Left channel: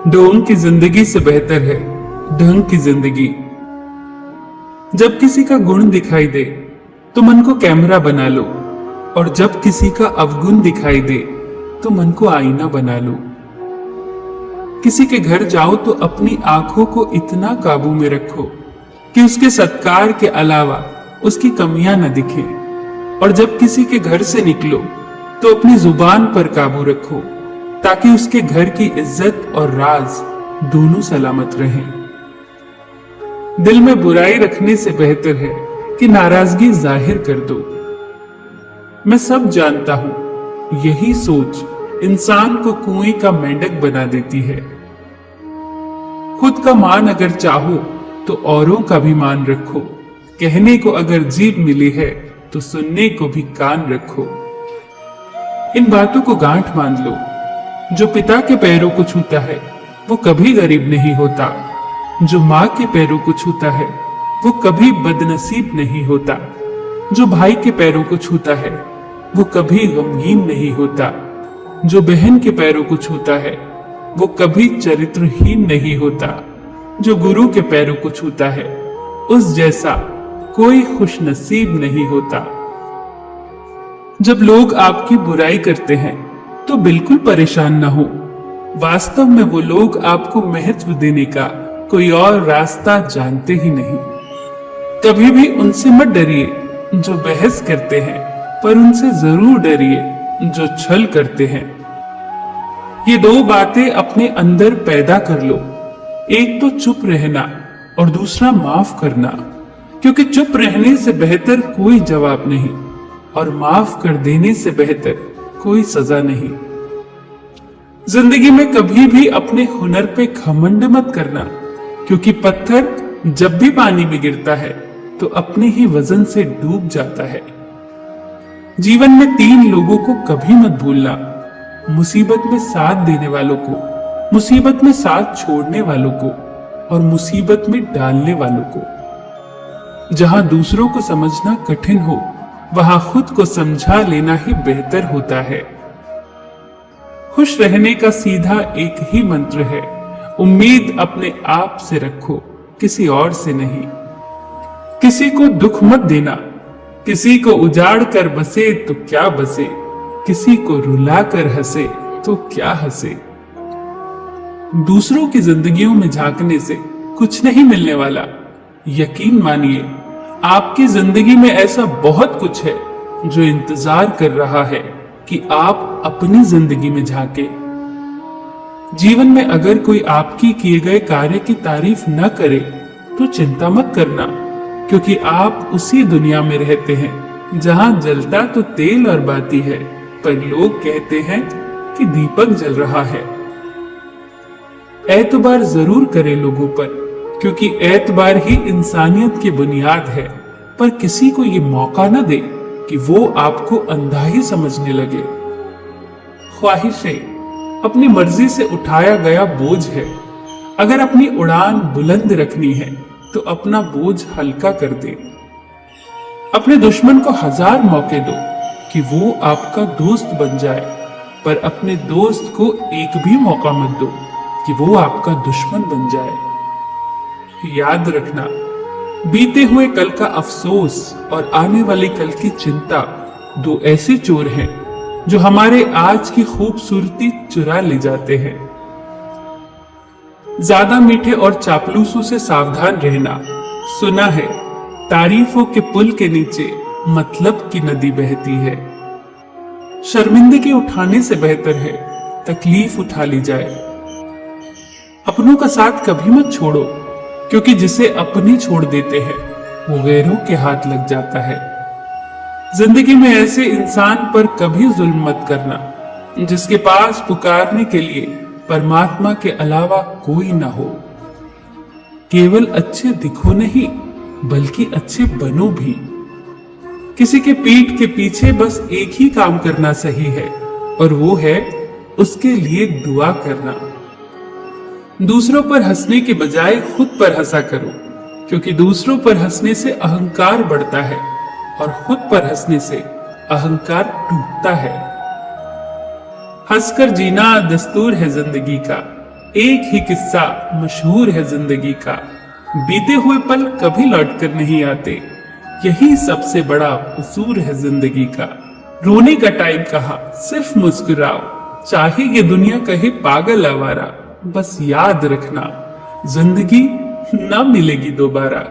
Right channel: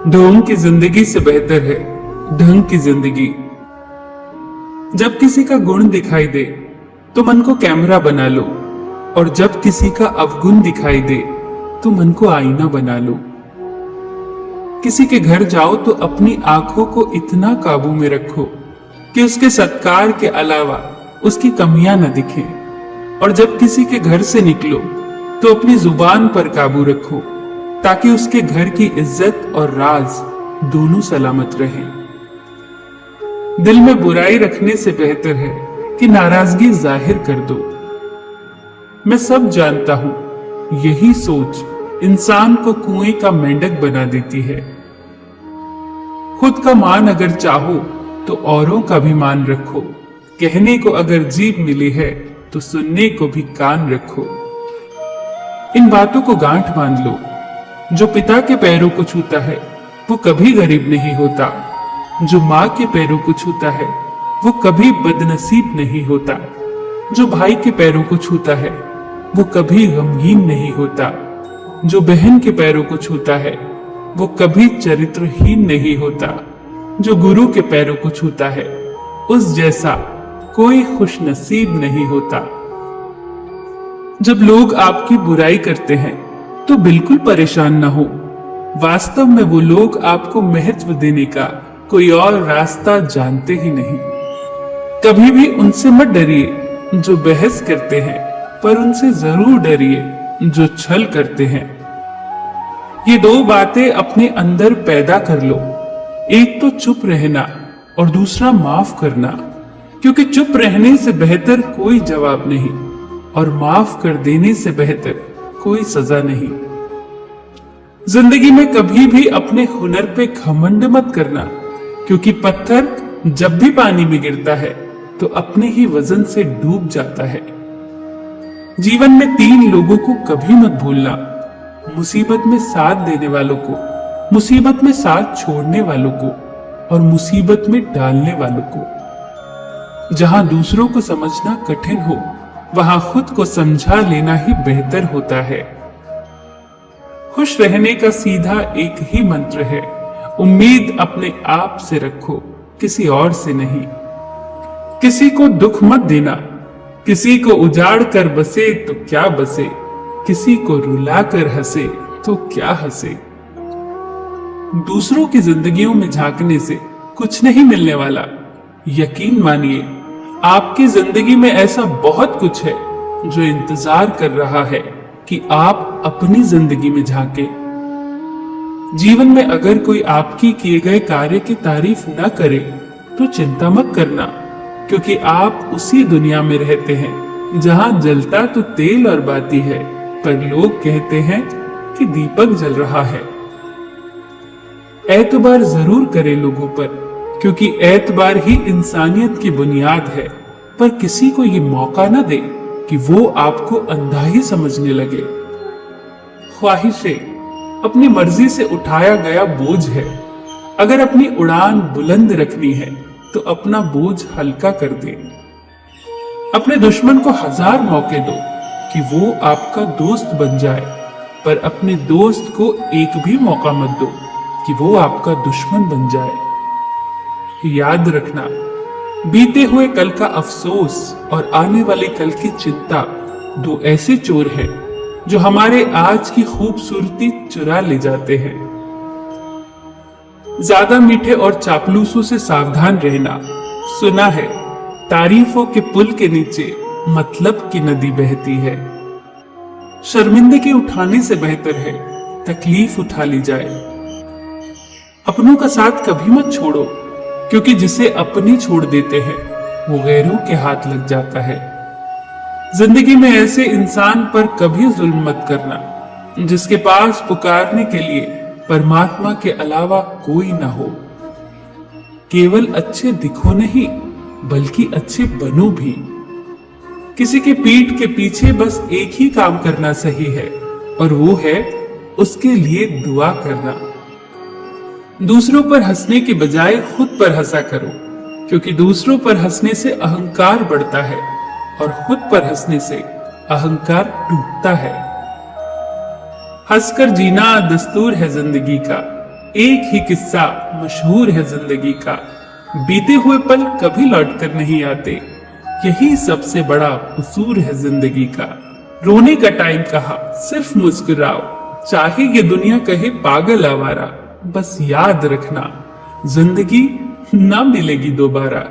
ढोंग की जिंदगी से बेहतर है ढंग की जिंदगी। जब किसी का गुण दिखाई दे तो मन को कैमरा बना लो, और जब किसी का अवगुण दिखाई दे तो मन को आईना बना लो। किसी के घर जाओ तो अपनी आंखों को इतना काबू में रखो कि उसके सत्कार के अलावा उसकी कमियां न दिखें, और जब किसी के घर से निकलो तो अपनी जुबान पर काबू रखो ताकि उसके घर की इज्जत और राज दोनों सलामत रहें। दिल में बुराई रखने से बेहतर है कि नाराजगी जाहिर कर दो। मैं सब जानता हूं, यही सोच इंसान को कुएं का मेंढक बना देती है। खुद का मान अगर चाहो तो औरों का भी मान रखो। कहने को अगर जीभ मिली है तो सुनने को भी कान रखो। इन बातों को गांठ बांध लो। जो पिता के पैरों को छूता है वो कभी गरीब नहीं होता। जो माँ के पैरों को छूता है वो कभी बदनसीब नहीं होता। जो भाई के पैरों को छूता है वो कभी गमगीन नहीं होता। जो बहन के पैरों को छूता है वो कभी चरित्रहीन नहीं होता। जो गुरु के पैरों को छूता है उस जैसा कोई खुशनसीब नहीं होता। जब लोग आपकी बुराई करते हैं तो बिल्कुल परेशान ना हो। वास्तव में वो लोग आपको महत्व देने का कोई और रास्ता जानते ही नहीं। कभी भी उनसे मत डरिए जो बहस करते हैं, पर उनसे जरूर डरिए जो छल करते हैं। ये दो बातें अपने अंदर पैदा कर लो। एक तो चुप रहना और दूसरा माफ करना, क्योंकि चुप रहने से बेहतर कोई जवाब नहीं, और माफ कर देने से बेहतर कोई सजा नहीं। जिंदगी में कभी भी अपने हुनर पे घमंड मत करना, क्योंकि पत्थर जब भी पानी में गिरता है तो अपने ही वजन से डूब जाता है। जीवन में 3 लोगों को कभी मत भूलना: मुसीबत में साथ देने वालों को, मुसीबत में साथ छोड़ने वालों को, और मुसीबत में डालने वालों को। जहां दूसरों को समझना कठिन हो वहां खुद को समझा लेना ही बेहतर होता है। खुश रहने का सीधा एक ही मंत्र है: उम्मीद अपने आप से रखो, किसी और से नहीं। किसी को दुख मत देना। किसी को उजाड़ कर बसे तो क्या बसे, किसी को रुला कर हंसे तो क्या हंसे। दूसरों की जिंदगियों में झांकने से कुछ नहीं मिलने वाला। यकीन मानिए, आपकी जिंदगी में ऐसा बहुत कुछ है जो इंतजार कर रहा है कि आप अपनी जिंदगी में झांके। जीवन में अगर कोई आपके किए गए कार्य की तारीफ न करे तो चिंता मत करना, क्योंकि आप उसी दुनिया में रहते हैं जहां जलता तो तेल और बाती है, पर लोग कहते हैं कि दीपक जल रहा है। एतबार जरूर करें लोगों पर, क्योंकि एतबार ही इंसानियत की बुनियाद है, पर किसी को ये मौका न दे कि वो आपको अंधा ही समझने लगे। ख्वाहिशें अपनी मर्जी से उठाया गया बोझ है। अगर अपनी उड़ान बुलंद रखनी है तो अपना बोझ हल्का कर दे। अपने दुश्मन को 1000 मौके दो कि वो आपका दोस्त बन जाए, पर अपने दोस्त को एक भी मौका मत दो कि वो आपका दुश्मन बन जाए। याद रखना, बीते हुए कल का अफसोस और आने वाले कल की चिंता 2 ऐसे चोर हैं जो हमारे आज की खूबसूरती चुरा ले जाते हैं। ज्यादा मीठे और चापलूसों से सावधान रहना। सुना है तारीफों के पुल के नीचे मतलब की नदी बहती है। शर्मिंदगी उठाने से बेहतर है तकलीफ उठा ली जाए। अपनों का साथ कभी मत छोड़ो, क्योंकि जिसे अपनी छोड़ देते हैं वो गैरों के हाथ लग जाता है। जिंदगी में ऐसे इंसान पर कभी जुल्म मत करना जिसके पास पुकारने के लिए परमात्मा के अलावा कोई ना हो। केवल अच्छे दिखो नहीं, बल्कि अच्छे बनो भी। किसी की पीठ के पीछे बस एक ही काम करना सही है, और वो है उसके लिए दुआ करना। दूसरों पर हंसने के बजाय खुद पर हंसा करो, क्योंकि दूसरों पर हंसने से अहंकार बढ़ता है और खुद पर हंसने से अहंकार टूटता है। हंसकर जीना दस्तूर है जिंदगी का, एक ही किस्सा मशहूर है जिंदगी का, बीते हुए पल कभी लौट कर नहीं आते, यही सबसे बड़ा कसूर है जिंदगी का। रोने का टाइम कहा, सिर्फ मुस्कुराओ, चाहे ये दुनिया कहे पागल आवारा, बस याद रखना जिंदगी ना मिलेगी दोबारा।